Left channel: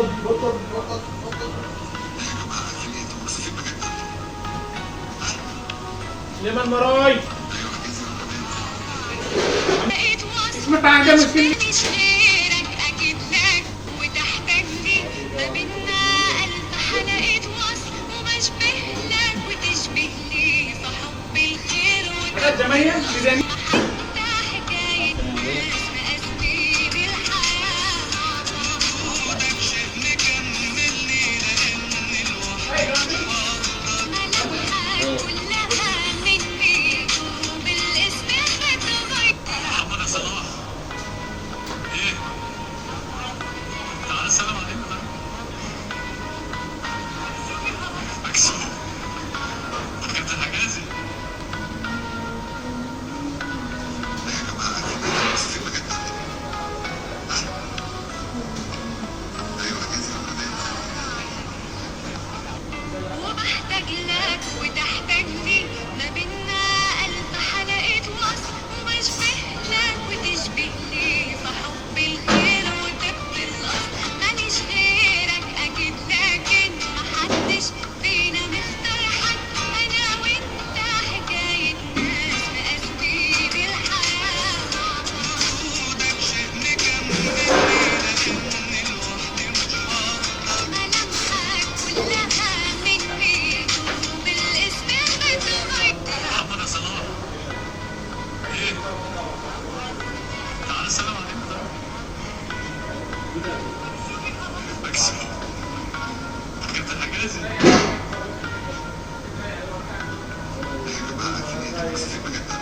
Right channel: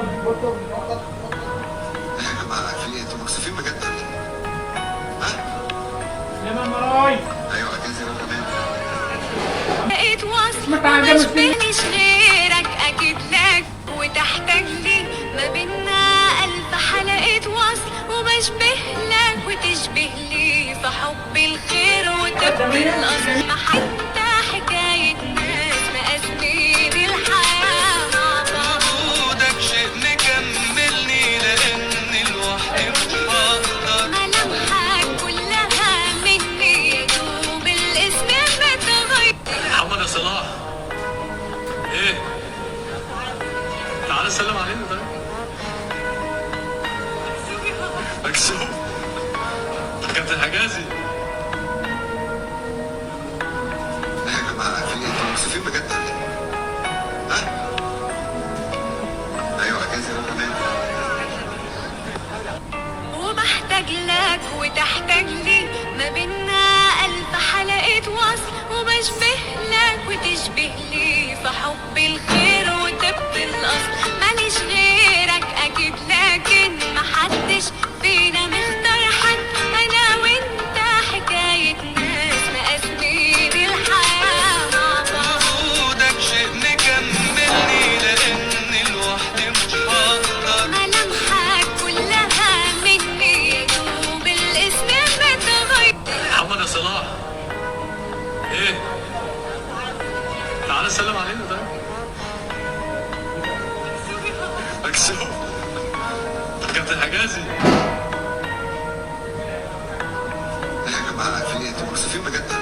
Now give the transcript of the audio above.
يا جماعه في ايه؟ انتوا مكسوفين بجد ولا ايه؟ ها؟ سليمان مراي ايوه حجزي بقى كمان. لقيت وصل اسمك عندنا مش مشكلة. ماليش غيرك اكيد لك وتحتاج لي ما بينا الف حلقة وصل وبشبه لك وتشبه لي في حب الخير وتبقى الاصل ما حتى حكاية ناس مقاسمين الحياة مع بعض. وجودك شيء مكملني لاني لوحدي مش هقدر. ملامحك كلها مني يا دوب الاسم متغير. محمد يا صلاح ايه؟ تعالى سلم علينا طيب. مكسوف كابتن حجازي. يا جماعه في ايه؟ انتوا مكسوفين بجد ولا ايه؟ ها؟ ايوه حجازي بقى كمان. وبحتاج لك وتحتاج لي ما بينا ألف حلقة وصل وبشبه لك وتشبه لي في حب الخير وتبقى الأصل ماليش غيرك أكيد لكن محدش فينا مختار حد أنا وأنت حكاية ناس مقاسمين الحياة مع بعض. وجودك شيء مكملني لاني لوحدي مش هقدر. ملامحك كلها مني يا دوب الاسم متغير. محمد يا صلاح ايه؟ تعالى سلم علينا طيب. مكسوف كابتن حجازي. يا جماعه في ايه؟ انتوا مكسوفين بجد